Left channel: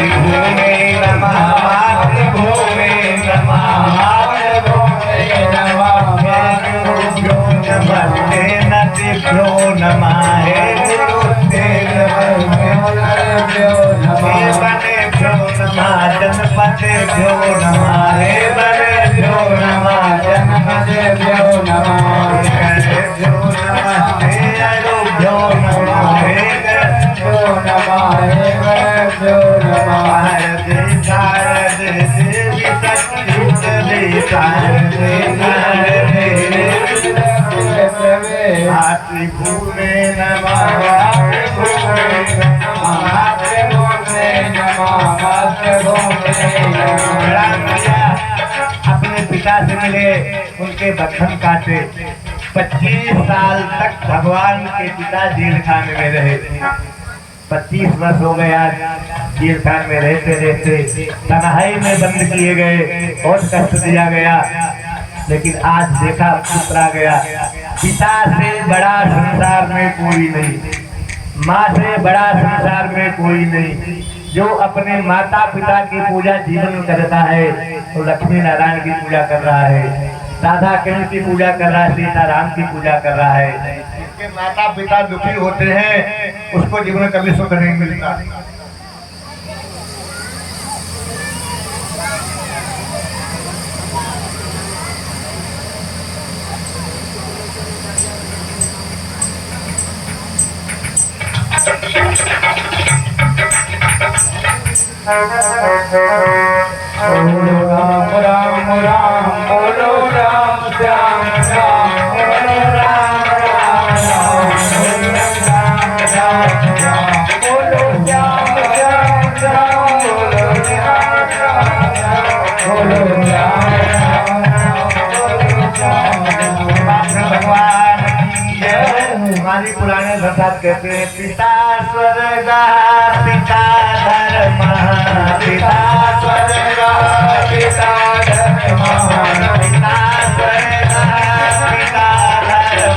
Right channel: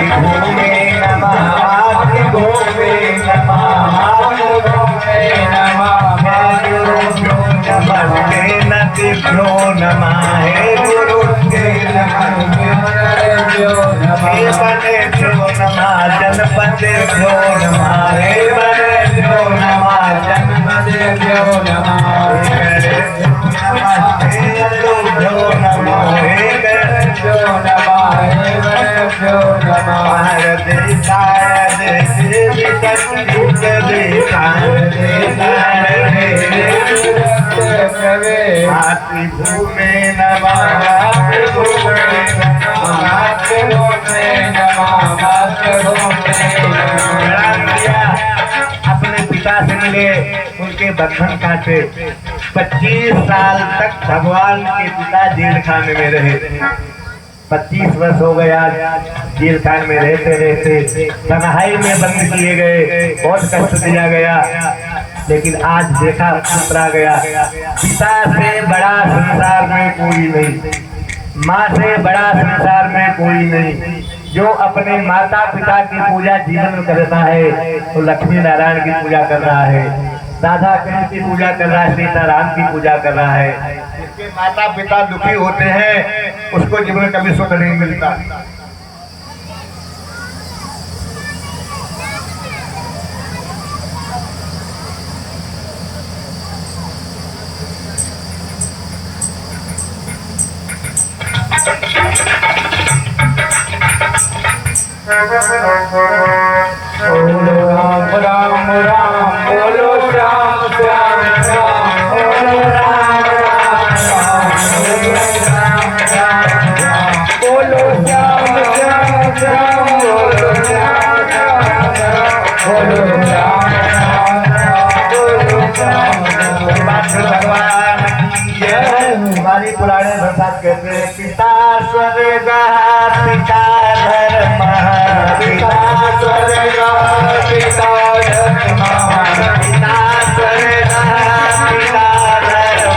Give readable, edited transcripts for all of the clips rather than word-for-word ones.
मातृभूमे नमः मातृभूमे नमः मातृभूमे नमः गुरुभ्यो नमस्ते नदिभ्यो नमः हे गुरुते नमः वनेभ्यो नमः जनपदेभ्यो नमः हे वनेभ्यो नमः जनपदेभ्यो नमः नमस्ते अरुभ्यो नमः हे गरुभ्यो नमः हे वनेभ्यो नमः भारते शारदे देवी शक्ति शारदे नारदे मातृभूमे नमः मातृभूमे नमः मातृभूमे नमः मातृभूमे नमः। अपने पिता से मिले, उनके बंधन काटे। 25 साल तक भगवान के पिता जेल खाने में रहे। 25 वर्ष हो गया जेल खाने में रहते रहते, तन्हाई में बंद किए गए, बहुत कष्ट दिया गया। लेकिन आज देखा पुत्र आ गया। पिता से बड़ा संसार में कोई नहीं, माँ से बड़ा संसार में कोई नहीं। जो अपने माता पिता की पूजा जीवन में करता है तो लक्ष्मी नारायण की पूजा कर रहा है, राधा कृष्ण की पूजा कर रहा है, सीताराम की पूजा कर रहा है। जिसके माता पिता दुखी होते हैं उसको जीवन में कभी सुख नहीं मिलता। बोलो राम राम राम, बोलो राम श्याम श्याम, बोलो राम राम राम, बोलो श्याम श्याम श्याम, बोलो श्याम बोलो राम राम, बोलो श्याम भगवान की जय। हमारी पुराने प्रसाद कहते हैं पिता स्वर्ग पिता धर्म, पिता स्वर्ग पिता धर्म, पिता स्वर्ग पिता धर्म,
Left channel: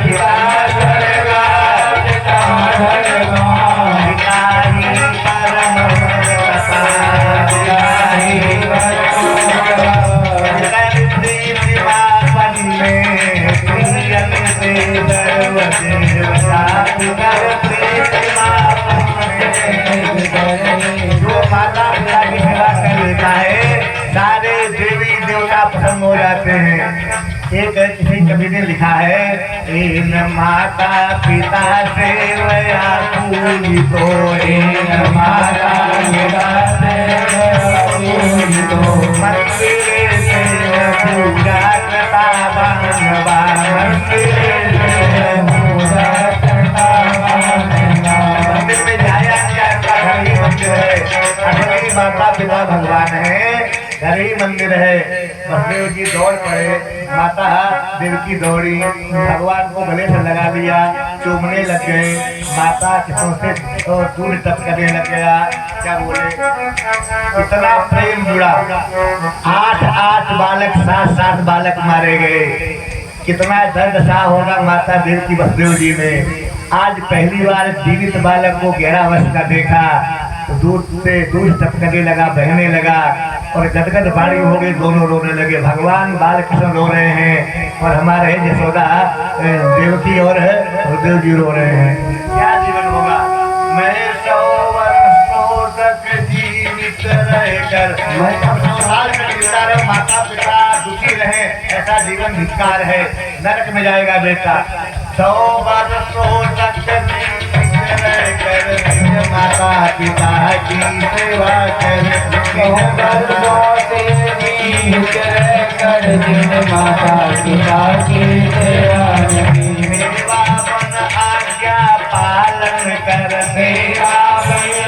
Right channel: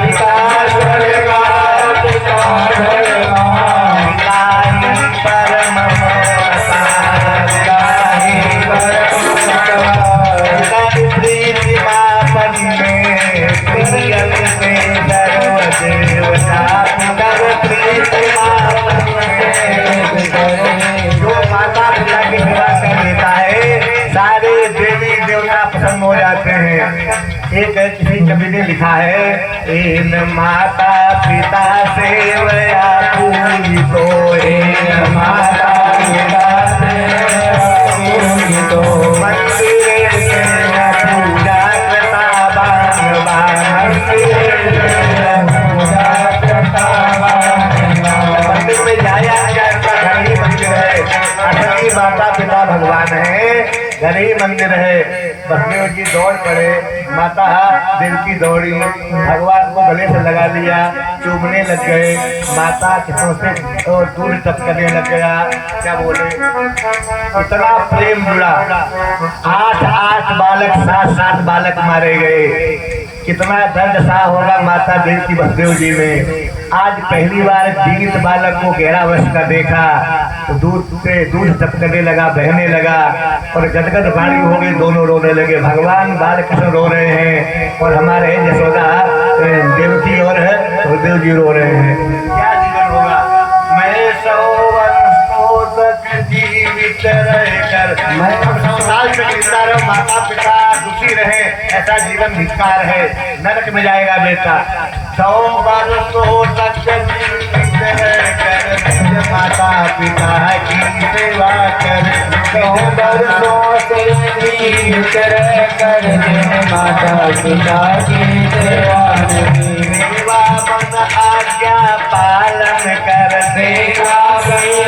पिता स्वर्ग पिता धर्म, पिता ही परम प्रीति मापन में प्रियन के सर्व देवता प्रीति मापन जो माता पिता की सेवा कर लेता है सारे देवी देवता प्रसन्न हो जाते हैं। एक किसी कवि ने लिखा है, इन माता पिता सेवया पूजितो, इन माता पिता सेवया पूजितो, मंदिर में पूजा करता भगवान, पूजा करता मंदिर में जाया जाता घड़ी मंदिर है, घड़ी माता पिता भगवान है, घड़ी मंदिर है। बसदेव जी दौड़ पड़े, माता देवकी दौड़ी, भगवान को गले से लगा दिया, चूमने लग गए। माता किसों से और दूर टपकने लग गया। क्या बोले, इतना प्रेम जुड़ा। 8 बालक 7 बालक मारे गए। कितना दर्द सा होगा माता देवकी बसदेव जी में। आज पहली बार जीवित बालक को 11 वर्ष का देखा तो दूध से दूध टपकने लगा, बहने लगा और गदगद बाड़ी हो गई, दोनों रोने लगे। भगवान बालकृष्ण रो रहे हैं और हमारे यशोदा देवकी और देव जी रो रहे हैं। क्या जीवन होगा। मैं 100 वर्षों तक जीवित रहकर मैं संसार में जीता रहे, माता पिता दुखी रहे, ऐसा जीवन धिक्कार है, नरक में जाएगा बेटा। 100 वर्षों तक माता पिता की सेवा कर, माता पिता की सेवा आज्ञा पालन कर, सेवा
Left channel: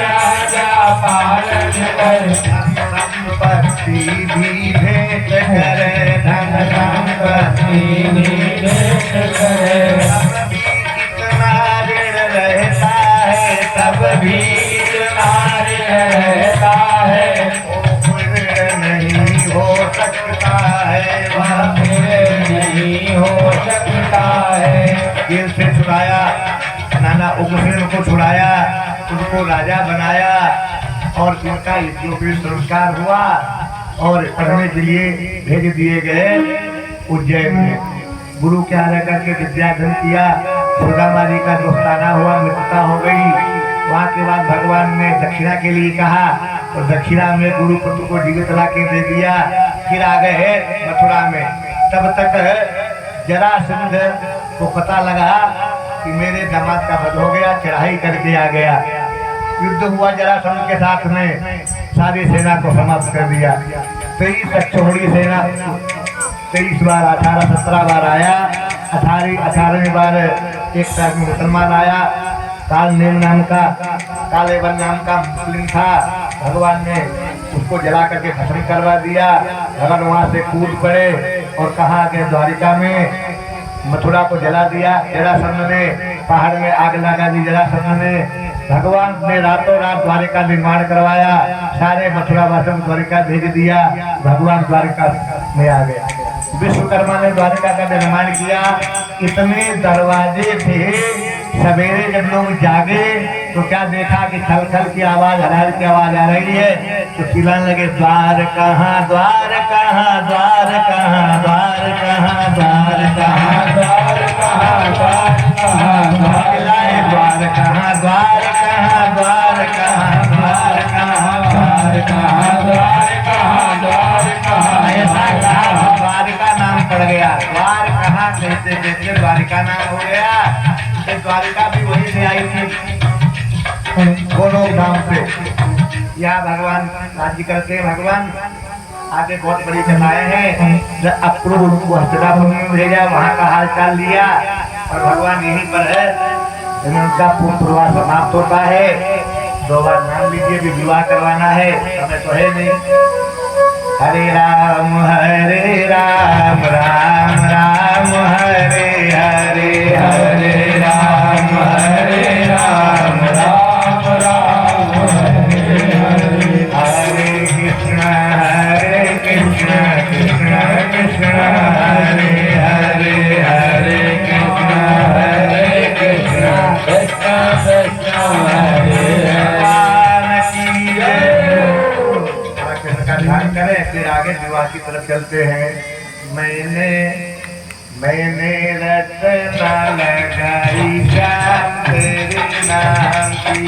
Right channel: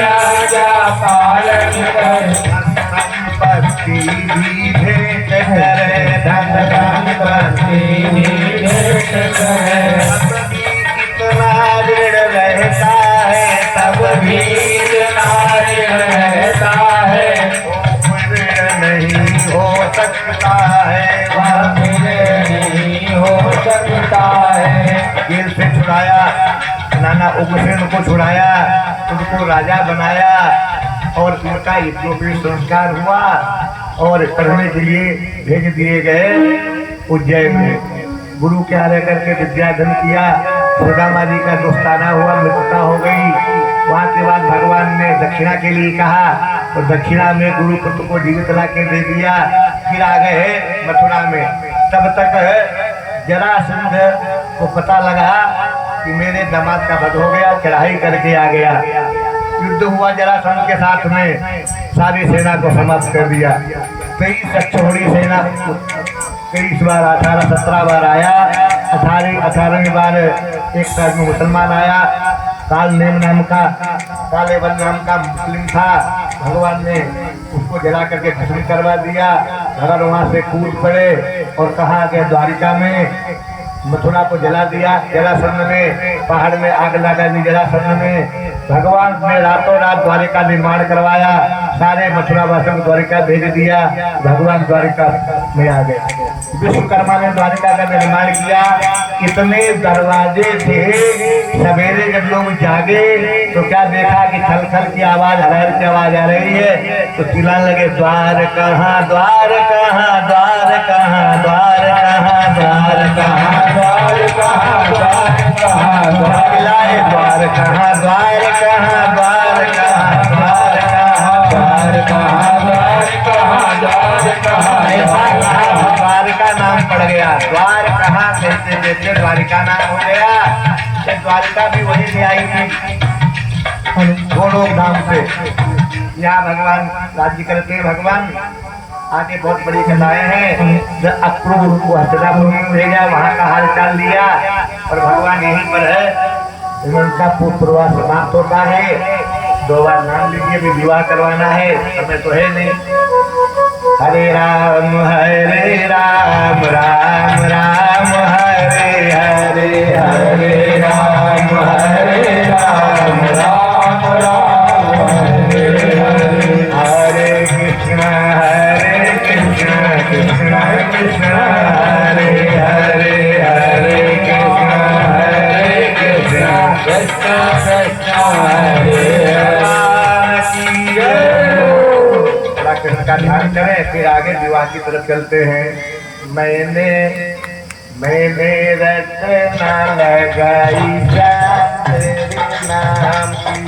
आज्ञा पालन कर, संपत्ति भी भेंट करे, धन संपत्ति भी भेंट करे। भी रहता है नहीं हो सकता है, वह नहीं हो सकता है। जेल से छुड़ाया, नाना उग्रसेन को छुड़ाया, उनको राजा बनाया। और इनका यज्ञोपवीत संस्कार हुआ और पढ़ने के लिए भेज दिए गए उज्जैन में। गुरु के आगे करके विद्याधन किया। सुदामा जी का दोस्ताना हुआ, मित्रता हो गई। वहाँ के बाद भगवान ने दक्षिणा के लिए कहा तो दक्षिणा में गुरु पुत्र को जीवित ला के दे दिया। फिर आ गए मथुरा में। तब तक जरासंध को पता लगा कि मेरे दामाद का वध हो गया, चढ़ाई करके आ गया। युद्ध हुआ जरासंध के साथ में, सारी सेना को समाप्त कर दिया। 23 अक्षौहिणी सेना 23 बार 18-17 बार आया। 18वें बार एक साथ में मुसलमान आया। कालनेम नाम का, कालेवन नाम का मुस्लिम था। भगवान ने उसको जला करके भस्म करवा दिया। भगवान वहां से कूद पड़े और कहा कि द्वारिका में मथुरा को जला दिया। जरासंध ने पहाड़ में आग लगा दी। जरासंध ने भगवान ने रातों रात द्वारिका निर्माण करवाया। सारे मथुरा वासियों को द्वारिका भेज दिया। भगवान द्वारिका में आ गए। विश्वकर्मा ने द्वारिका का निर्माण किया। इतने दरवाजे थे, सवेरे जब लोग जागे तो क्या देखा कि खल खल की आवाज, हरार की आवाज आ रही है। तो चिल्लाने लगे, द्वार कहाँ, द्वार कहाँ, द्वार कहाँ, द्वार कहाँ, द्वार कहाँ, द्वार कहाँ, द्वार कहाँ, द्वार कहाँ, द्वार कहाँ, द्वार कहाँ, द्वार कहाँ, द्वार कहाँ, द्वार कहाँ, द्वार कहाँ, द्वार का नाम पड़ गया। द्वार कहाँ कहते कहते द्वारिका नाम हो गया। द्वारिका भी वही से आई थी, गोलोक नाम से। यहाँ भगवान राज्य करते भगवान आगे बहुत बड़ी कथाएं हैं। अक्रूर उनको हस्तिनापुर में भेजा, वहाँ का हाल चाल लिया और भगवान यहीं पर है। इनका पूर्वास समाप्त होता है। 2 बार नाम लीजिए, भी विवाह करवाना है, समय तो है नहीं। हरे राम राम राम हरे हरे, हरे राम राम राम हरे हरे, हरे कृष्ण कृष्ण कृष्ण हरे हरे, हरे कृष्ण कृष्ण हरे कृष्ण का ध्यान करें। फिर आगे विवाह की तरफ चलते हैं। मैंने रत्ना लगाई जान तेरे नाम की,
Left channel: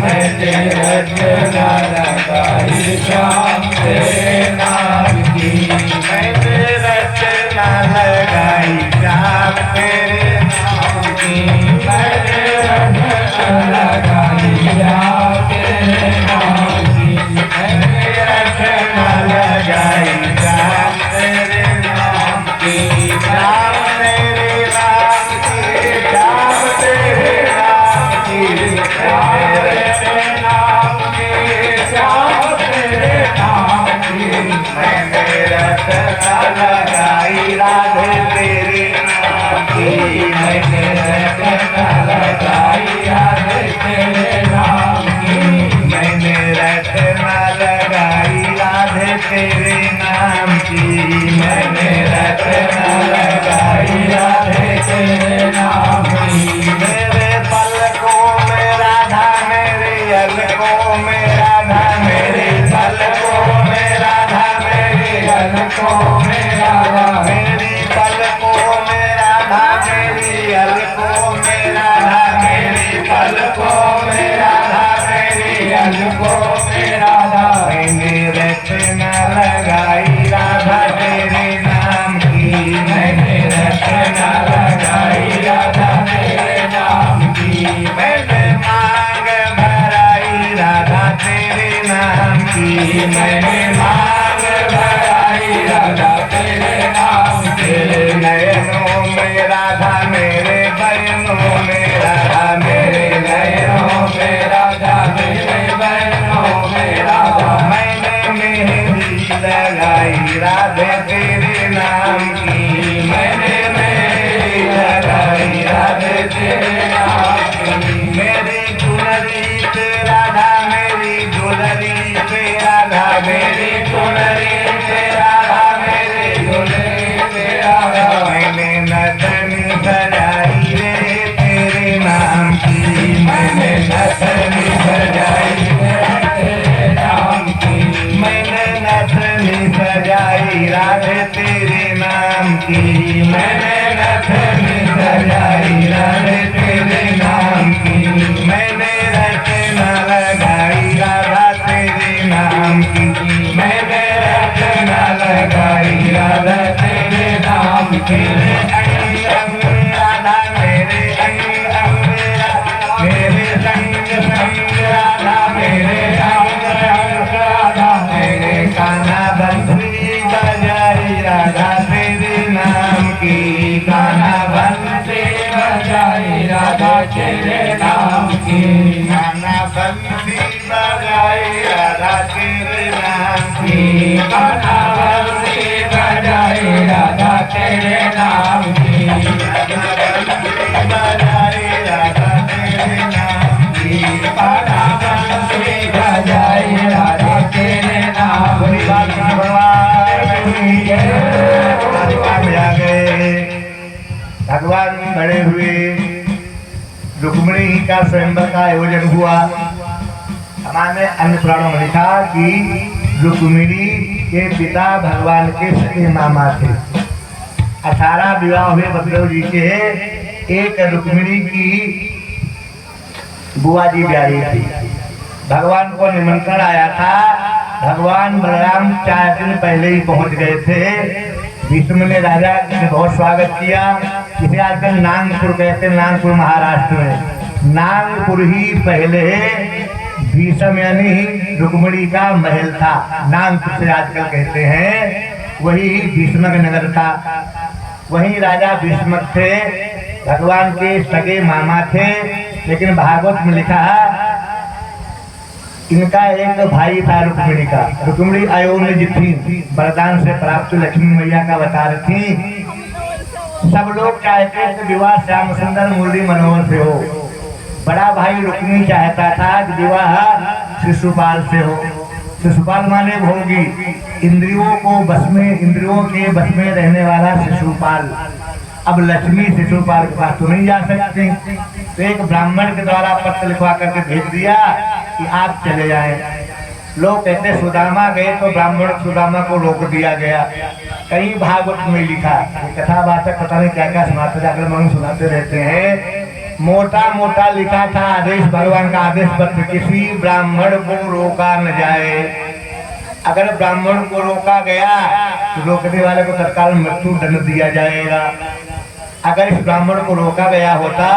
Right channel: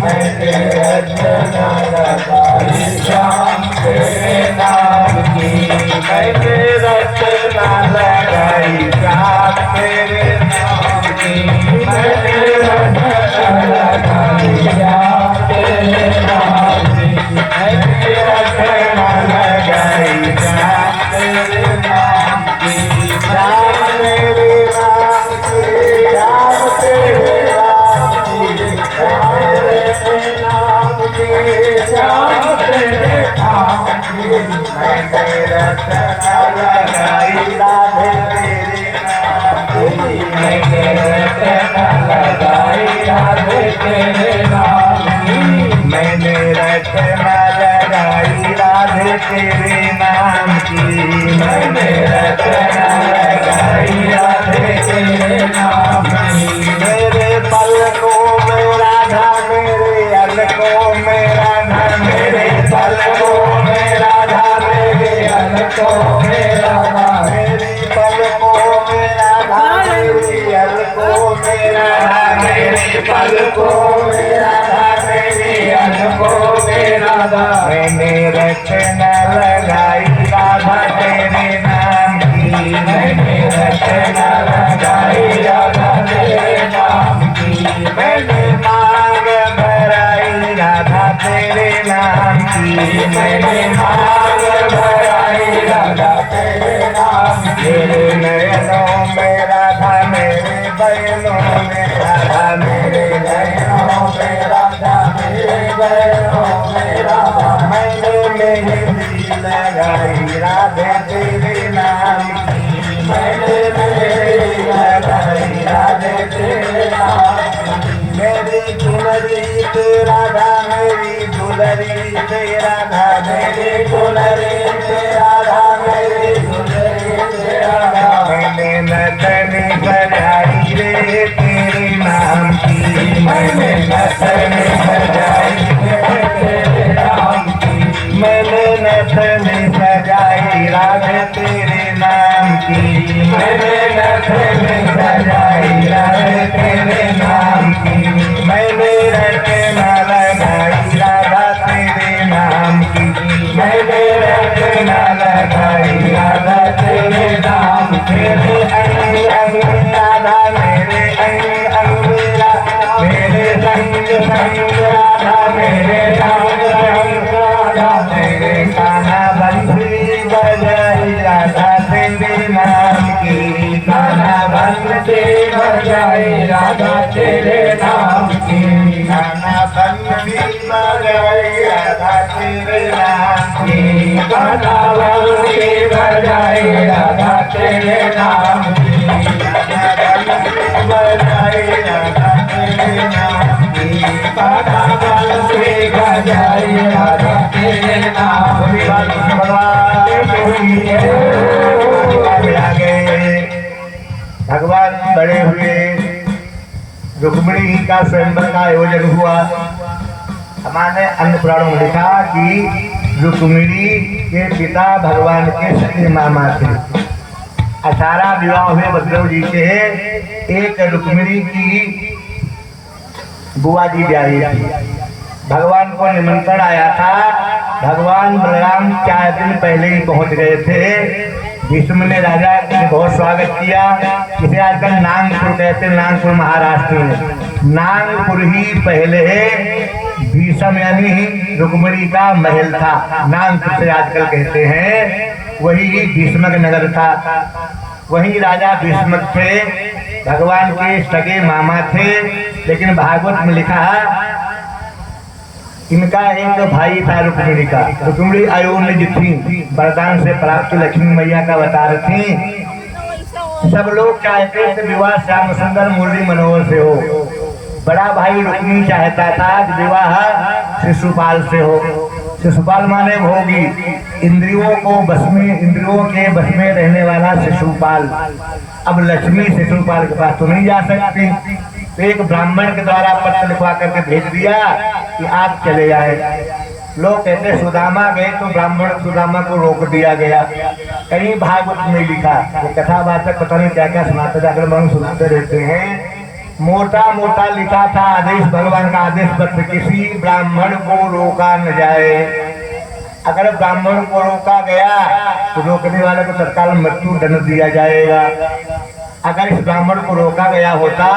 मैंने रत्ना लगाई जान तेरे नाम की, मैंने रत्ना लगाई जान तेरे नाम की, मैंने रत्ना लगाई जान तेरे नाम की, मैंने रत्ना लगाई जान तेरे नाम की। राम तेरे नाम की, राम तेरे नाम की, तेरे नाम की, राम तेरे नाम की, मैंने रत्ना लगाई राधे तेरे नाम की, मैंने रत्ना लगाई राधे तेरे नाम की, मैंने रत्ना लगाई राधे तेरे नाम की, मैंने रत्ना लगाई राधे तेरे नाम की। मेरे पलकों में राधा, मेरे अलकों में राधा, मेरे पलकों में राधा, मेरे अलकों में राधा, मेरी पलकों में राधा, मेरी अलकों में राधा, मेरी पलकों में राधा, मेरी अलकों में राधा, मैंने रत्ना लगाई राधा तेरे नाम की, मैंने रत्ना लगाई राधा तेरे नाम की, मैंने मांग भराई राधा तेरे नाम की, मैंने मांग भराई राधा तेरे नाम की। मेरे नयनों में राधा, मेरे बयनों में राधा, मेरे नयनों में राधा, मेरे बयनों में राधा, मैंने मेहंदी लगाई राधे तेरे नाम की, मैंने मेहंदी लगाई राधे तेरे नाम की। मेरी चुनरी पे राधा, मेरी झुलरी पे राधा, मेरी चुनरी पे राधा, मेरी झुलरी पे राधा, मैंने नटनी सजाई रे तेरे नाम की, मैंने नटनी सजाई रे तेरे मैंने रथ में सजाई राधे तेरे नाम की, मैंने रथ न लगाई राधा तेरे नाम की, मैंने रथ न लगाई राधा तेरे नाम की। मेरे अंग अंग राधा मेरे अंग अंग मेरे संग संग राधा मेरे संग संग राधा मेरे कान्हा बंसी बजाई राधा तेरे नाम की, कान्हा बंसी बजाई राधा तेरे नाम की, कान्हा बंसी बजाई राधा तेरे नाम की, कान्हा बंसी बजाई राधा तेरे नाम की, कान्हा बंसी बजाई राधा तेरे नाम की, कान्हा बंसी बजाई राधा तेरे नाम की। भगवान बड़े हुए, रुक्मिणी का स्वयंवर का आयोजन हुआ। हमारे अन्य पुराणों में लिखा कि रुक्मिणी के पिता भगवान के सगे मामा थे। 18 विवाह हुए बलदेव जी के, एक रुक्मिणी की बुआ जी ब्याही थी। भगवान को निमंत्रण आया था। भगवान बलराम 4 दिन पहले ही पहुंच गए थे। भीष्म ने राजा ने बहुत स्वागत किया। इसे आजकल नागपुर कहते हैं, नागपुर महाराष्ट्र में। नागपुर ही पहले भीष्म यानी रुक्मिणी का महल था। नागपुर से आजकल कहते हैं, वही भीष्मक नगर था। वही राजा भीष्मक थे, भगवान के सगे मामा थे। लेकिन भागवत में लिखा इनका एक भाई था रुक्मिणी का। रुक्मिणी अयोनिज थी, वरदान से प्राप्त लक्ष्मी मैया का अवतार थी। सब लोग चाहते थे विवाह श्याम सुंदर मुरली मनोहर से हो। बड़ा भाई रुक्मिणी चाहता था कि विवाह शिशुपाल से हो। शिशुपाल माने भोगी, इंद्रियों को बस में, इंद्रियों के बस में रहने वाला शिशुपाल। अब लक्ष्मी शिशुपाल के पास तो नहीं जा सकती, तो एक ब्राह्मण के द्वारा पत्र लिखवा करके भेज दिया कि आप चले जाएं। लोग कहते सुदामा गए तो ब्राह्मण सुदामा को रोक दिया गया। कहीं भागवत में लिखा, वो कथा बातक पता नहीं क्या क्या सुनाते थे, अगर हम सुनाते रहते हैं। मोटा मोटा लिखा था आदेश, भगवान का आदेश पत्र, किसी ब्राह्मण को रोका न जाए। अगर ब्राह्मण को रोका गया तो रोकने वाले को तत्काल मृत्यु दंड दिया जाएगा। अगर इस ब्राह्मण को रोका गया होता,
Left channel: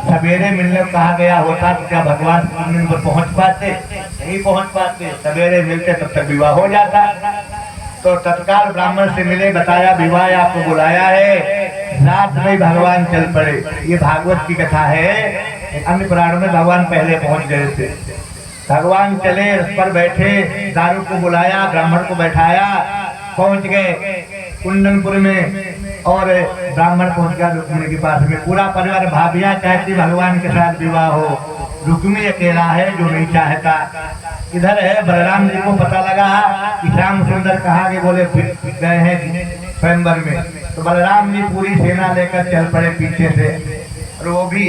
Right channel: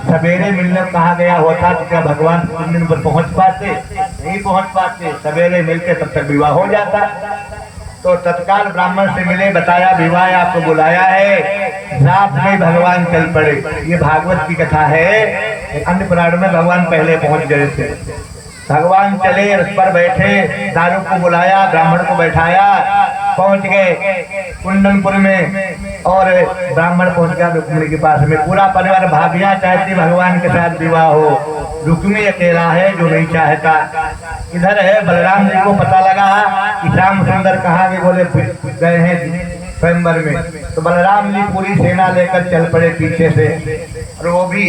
सवेरे मिलने कहा गया होता, तो क्या भगवान दिन पर पहुंच पाते? नहीं पहुंच पाते। सवेरे मिलते तब तक विवाह हो जाता। तो तत्काल ब्राह्मण से मिले, बताया विवाह आपको बुलाया है। रात में भगवान चल पड़े। ये भागवत की कथा है। अन्य पुराण में भगवान पहले पहुंच गए थे। भगवान चले, रथ पर बैठे, दारू को बुलाया, ब्राह्मण को बैठाया, पहुंच गए कुंदनपुर में। और ब्राह्मण पहुंच गया रुक्मिणी के पास में। पूरा परिवार, भाभियां चाहती भगवान के साथ विवाह हो, रुक्मिणी अकेला है जो नहीं चाहता। इधर है बलराम जी को पता लगा कि श्याम सुंदर कहाँ के, बोले गए हैं स्वयंवर में। तो बलराम जी पूरी सेना लेकर चल पड़े पीछे से, और वो भी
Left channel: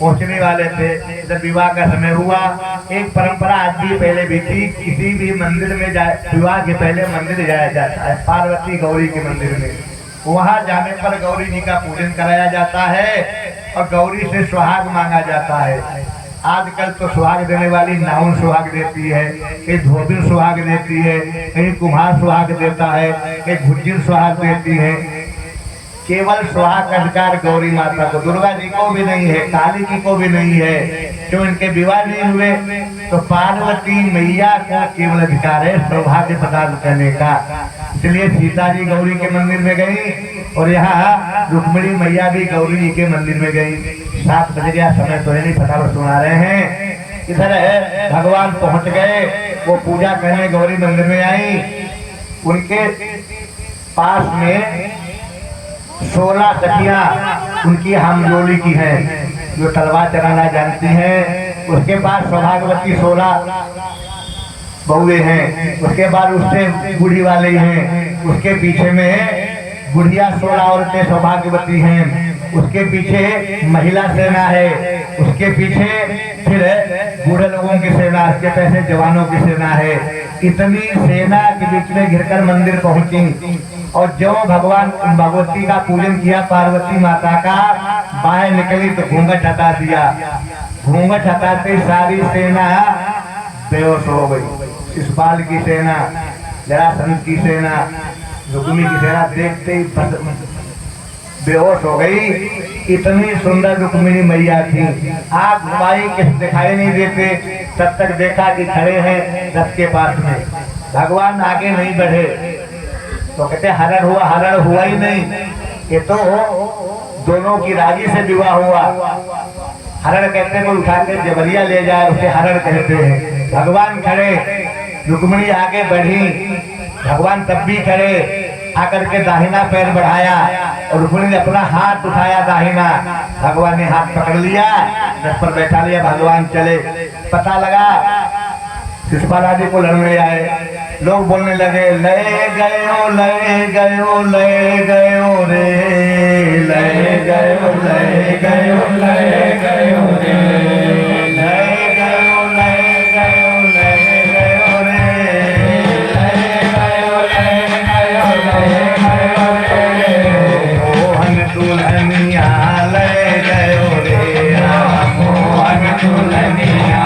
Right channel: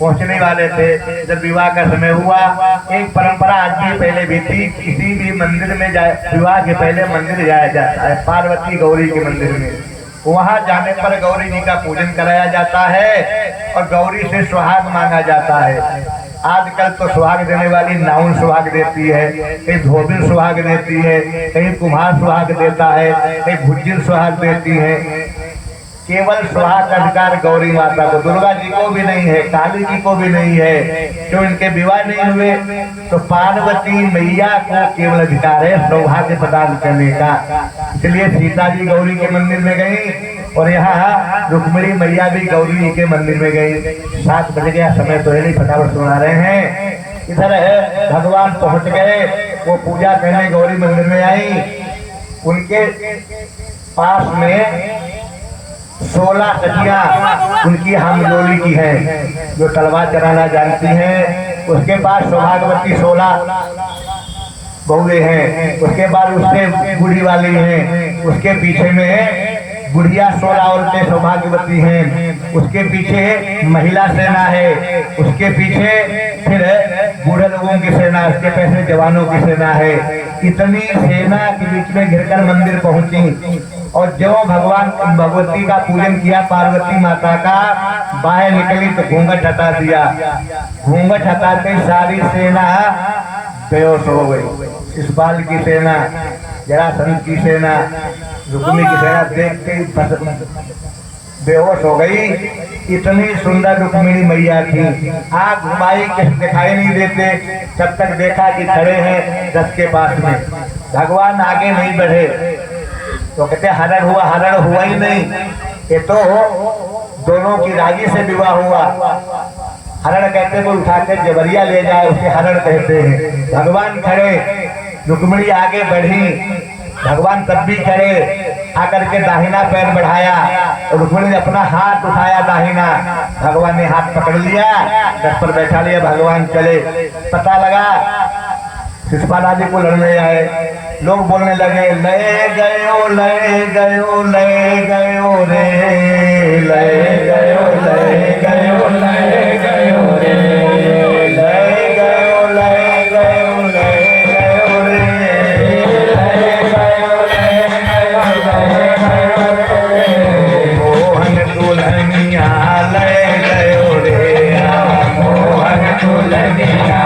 पहुंचने वाले थे। जब विवाह का समय हुआ, एक परंपरा आज भी पहले भी थी, किसी भी मंदिर में जाए, विवाह के पहले मंदिर जाया जाता है, पार्वती गौरी के मंदिर में। वहां जाने पर गौरी जी का पूजन कराया जाता है और गौरी से सुहाग मांगा जाता है। आजकल तो सुहाग देने वाली नाउन सुहाग देती है, कहीं धोबिन सुहाग देती है, कहीं कुम्हार सुहाग देता है, कहीं भुज्जिल सुहाग देती है। केवल सुहाग का अधिकार गौरी माता को, दुर्गा जी को भी नहीं है, काली जी को भी नहीं है। जो इनके विवाह नहीं हुए, तो पार्वती मैया को केवल अधिकार है सौभाग्य प्रदान करने का। इसलिए सीता जी गौरी के मंदिर में गई और यहाँ रुक्मिणी मैया भी गौरी जी के मंदिर में गई। 7 बज गया, समय तो है नहीं, फटाफट सुना रहे हैं। इधर भगवान पहुंच गए, वो पूजा करने गौरी मंदिर में आई। उनके पास में 16 सखियां उनकी हमजोली की हैं, जो तलवार चलाना जानती हैं। उसके पास सौभाग्यवती 16 बहुएं हैं। उसके बाद उससे बूढ़ी वाली हैं। उसके पीछे में बुढ़िया 16 औरतें सौभाग्यवती हैं, उसके पीछे महिला सेना है, उसके पीछे फिर बूढ़े लोगों की सेना, उसके पीछे जवानों की सेना है। इतनी सेना के बीच में घिरकर मंदिर पहुंची और जो भगवान भगवती का पूजन किया, पार्वती माता का, बाहर निकली तो घूंघट हटा दिया। घूंघट हटाते सारी सेना बेहोश हो गई। शिशुपाल की सेना, जरासंध की सेना, रुक्मी की सेना देखते ही बेहोश हो गई। इतनी सुंदर रुक्मिणी मैया थी, आग घुमाई कि दिखाई नहीं देते, तब तक देखा कि खड़े हैं रथ के पास में। भगवान आगे नहीं बढ़े तो कहते हरण हुआ ही नहीं, ये तो दोनों की राजी से विवाह हुआ। हरण कहते हैं वो उठाकर जबरिया ले जाए, उसे हरण कहते हैं। भगवान खड़े, रुक्मिणी आगे बढ़ी, भगवान तब भी खड़े, आकर के दाहिना पैर बढ़ाया और रुक्मिणी ने अपना हाथ उठाया दाहिना, भगवान ने हाथ पकड़ लिया, रथ पर बैठा लिया, भगवान चले। पता लगा शिशुपाल आदि को लड़ने आए, लोग बोलने लगे ले गयो ले गयो ले गयो रे, ले गयो ले गयो ले गयो रे, ले गयो ले गयो ले गयो रे, ले गयो ले गयो रे, मोहन दुल्हनिया ले गयो रे, मोहन दुल्हनिया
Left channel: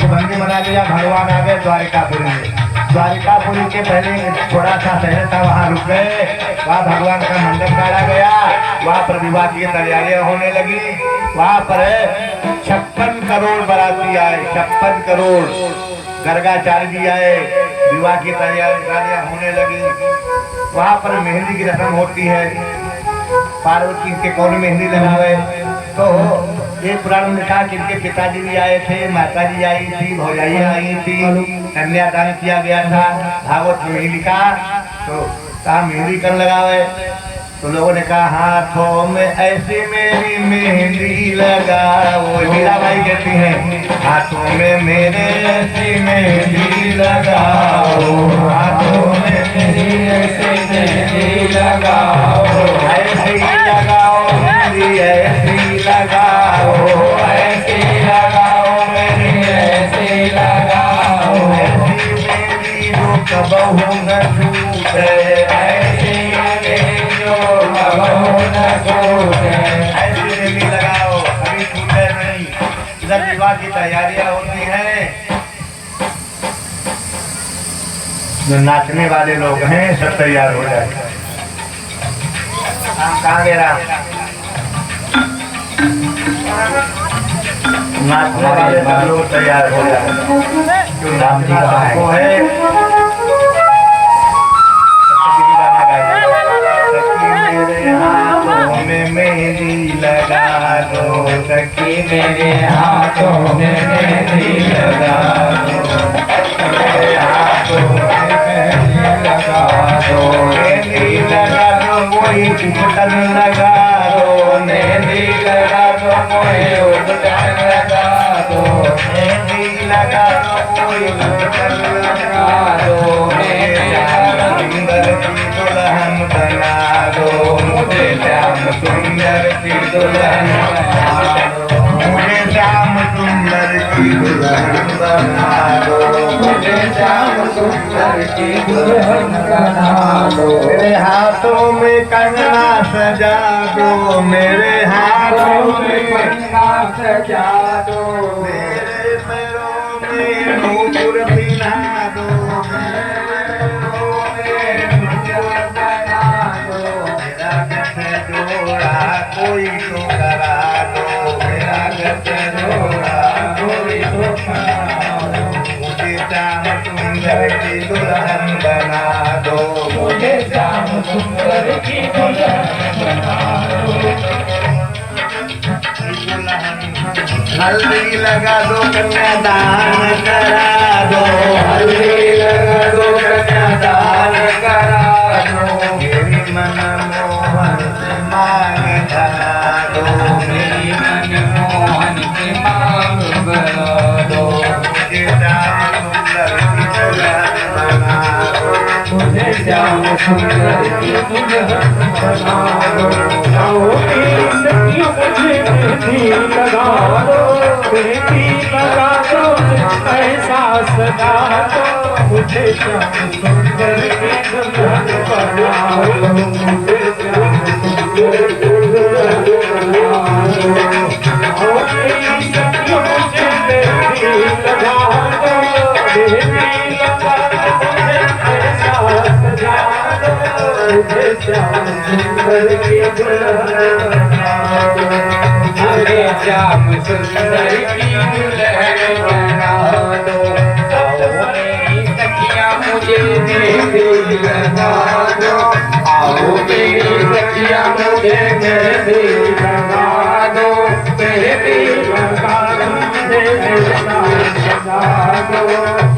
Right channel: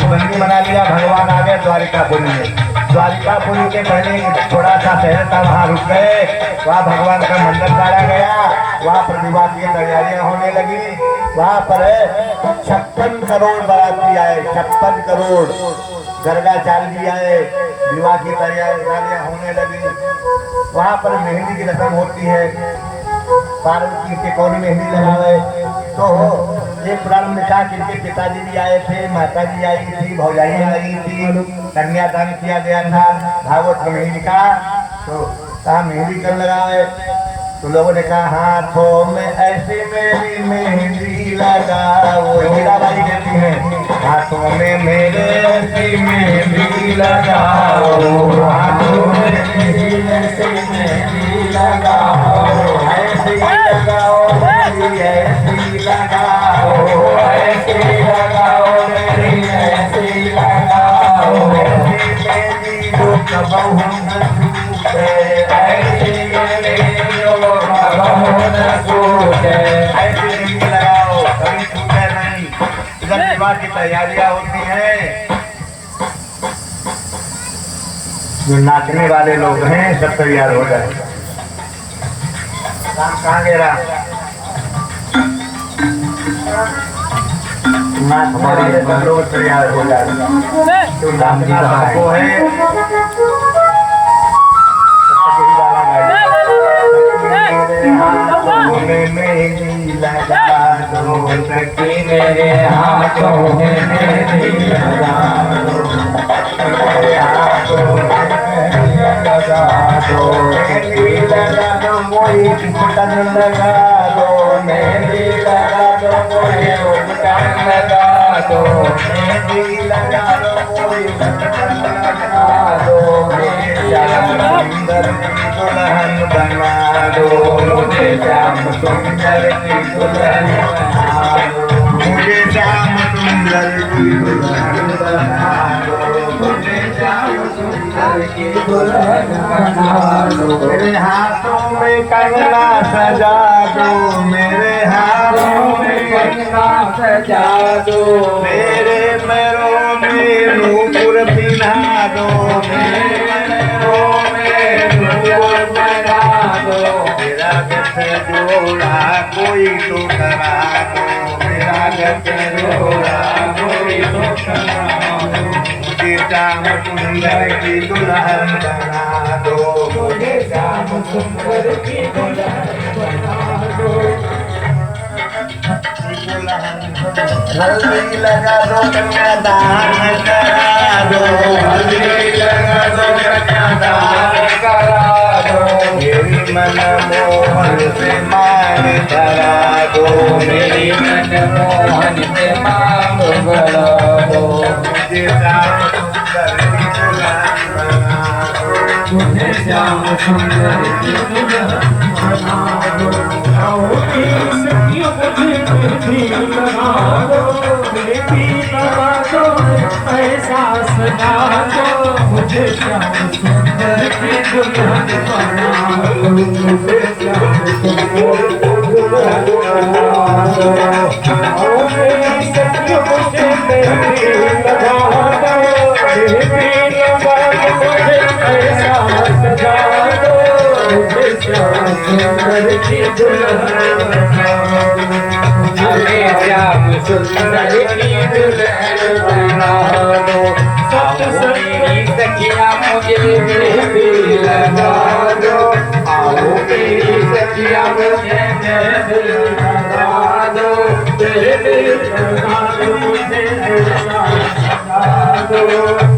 बंदी बना लिया। भगवान आ गए द्वारिकापुरी में। द्वारिकापुरी के पहले थोड़ा सा शहर था, वहाँ रुक गए, वहाँ भगवान का मंदिर गाड़ा गया, वहाँ पर विवाह की तैयारियां होने लगी। वहाँ पर 56 करोड़ बाराती आए, 56 करोड़ गर्गाचार्य जी आए, विवाह की तैयारियां होने लगी। वहाँ पर मेहंदी की रस्म होती है, पार्वती के कौन मेहंदी लगाए। तो एक पुराण में लिखा कि इनके पिताजी भी आए थे, माता जी आई थी, भौजाइयाँ आई थी, कन्यादान किया गया था। भागवत में ही लिखा, तो कहा मेहंदी कर लगावे, तो लोगों ने कहा हाथों में ऐसे मेरी मेहंदी लगाओ। मीराबाई कहती हैं हाथों में मेरे ऐसी मेहंदी लगाओ, हाथों में मेरी ऐसी मेहंदी लगाओ, ऐसी लगाओ मेरी ऐसी लगाओ, ऐसी लगाओ मेरी ऐसी लगाओ, ऐसी मेरी जो कबहू न टूटे, ऐसी जो कबहू न टूटे, ऐसी मेहंदी लगाओ कभी टूटे नहीं। इधर विवाह की तैयारियां होती हैं, जो नाचने वाले लोग हैं सब तैयार हो जाए। राम कहाँ गए? राम नाचने वाले सब लोग तैयार हो जाए, जो नाचना सबको है। गाना गाइए, मेरे हाथों में मेहंदी लगा दो, सखी मेरे हाथों में मेहंदी लगा दो, मेरे हाथों में मेहंदी लगा दो, मेहंदी लगा दो कोई उपटन लगा दो, मेहंदी लगा दो कोई उपटन लगा दो, मेहंदी लगा दो कोई उपटन लगा दो, मेरे श्याम सुंदर की दुल्हन बना दो, मुझे श्याम सुंदर की दुल्हन बना दो, मुझे श्याम सुंदर की दुल्हन बना दो, मुझे श्याम सुंदर की दुल्हन बना दो, मेरे हाथों में कंगना सजा दो, मेरे हाथों में कंगना सजा दो, मेरे पैरों में नूपुर पिना दो, मेरे पैरों में नूपुर पिना दो, मेरा गठ जोड़ा कोई तो करा दो, मेरा गठ जोड़ा कोई तो करा दो, मुझे श्याम सुंदर की दुल्हन बना दो, मुझे श्याम सुंदर हल्दी लगा दो कन्यादान करा दो, हल्दी लगा दो कन्यादान करा दो, मेरी मनमोहन से मांग धरा दो, मेरी मनमोहन से मांग भरा दो, मुझे श्याम सुंदर की दुल्हन बना दो, मुझे श्याम सुंदर की दुल्हन बना दो, बेटी लगा दो पैसा सजा दो, मुझे श्याम सुंदर की दुल्हन बना दो, मुझे श्याम सुंदर की दुल्हन बना दो, श्याम सुंदर की दुल्हन बना दो, हमें श्याम सुंदर की दुल्हन बना दो, मेरी सखियां मुझे मेहंदी लगा दो, आओ मेरी सखियां मुझे मेहंदी लगा दो, मेहंदी लगा दो,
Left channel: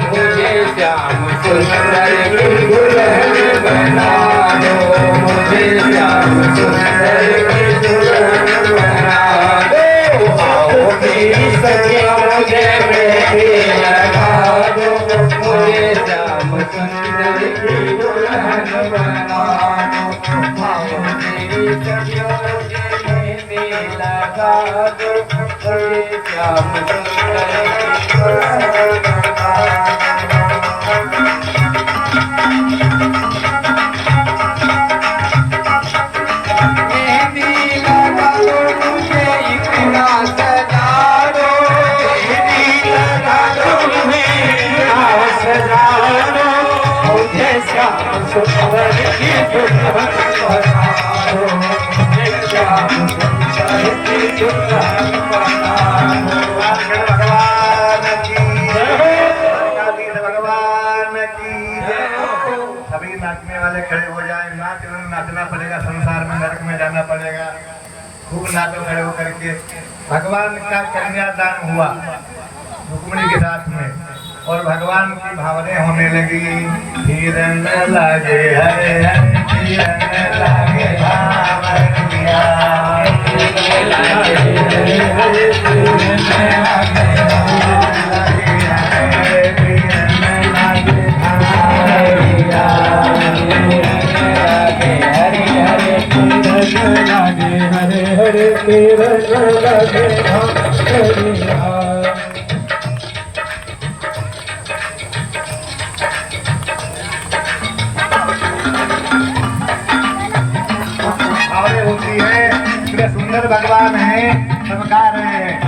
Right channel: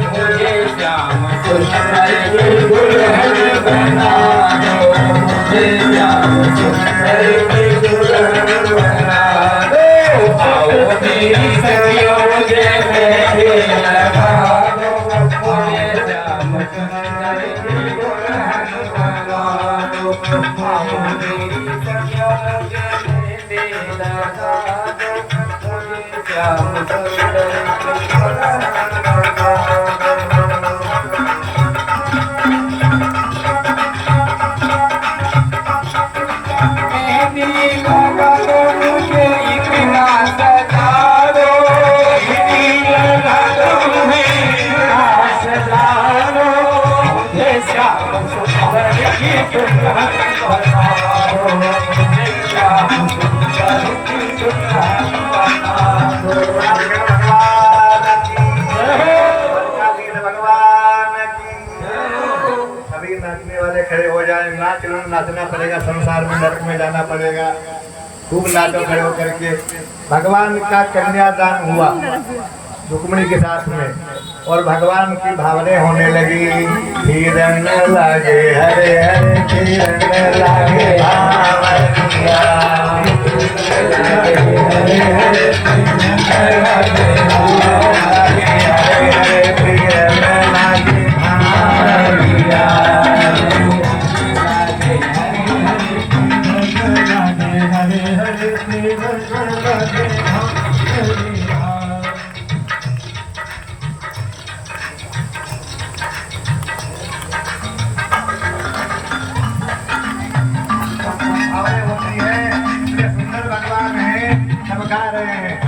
मुझे श्याम सुंदर की दुल्हन बना दो, मुझे श्याम सुंदर की दुल्हन बना दो, आओ मेरी सखियां मुझे मेहंदी लगा दो, मुझे श्याम सुंदर की दुल्हन बना दो, आओ मेरी सखियां मुझे मेहंदी लगा दो, मुझे श्याम सुंदर की दुल्हन बना दो। सभी नाचने वाले खड़े हो जाए, नाचना पड़ेगा, संसार में नरक में जाना पड़ेगा, खूब नाचो खड़े होकर के। भगवान का कन्यादान हुआ रुक्मिणी के साथ में, और भगवान की भावनाएं होने लगी, रंग लागे हरे हरे रंग लागे भगवान है, सब गा रहे हैं।